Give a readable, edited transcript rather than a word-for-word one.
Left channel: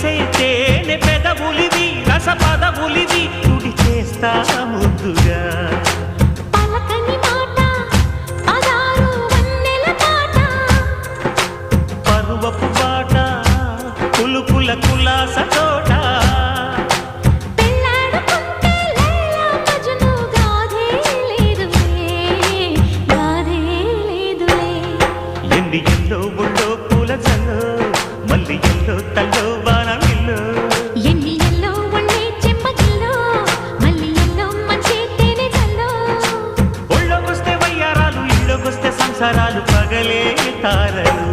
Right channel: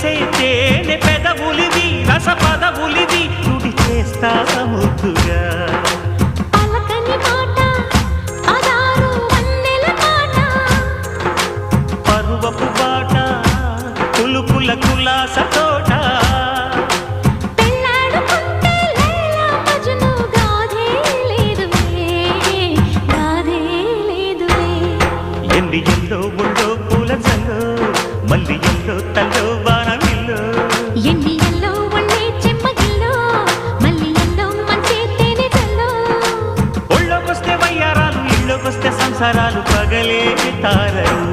మెరిసే తేనె పెదవులివి రస పదవులివి తుడి చేస్తా ముద్దుగా పలకని మాట పదారు వన్నెల పాట పరువపు బాట కులుకుల కులాస తోట పెళ్ళాడుకుంటే లైలా మజ్ను గాథే లేదులే గాథే లేదులే ఎన్ని ఎల్లో ఒళ్ళో పూల జల్లో మల్లి ఎల్లో తల్లో వానవిల్లో ఎన్ని ఎల్లో ఒళ్ళే చెమ్మగిల్లో మల్లి ఎల్లో మంచి తేనె జల్లో ఒళ్ళోకొస్తే వయ్యారాలు ఇళ్ళోకొస్తే సంసారాలు పగలే తారలు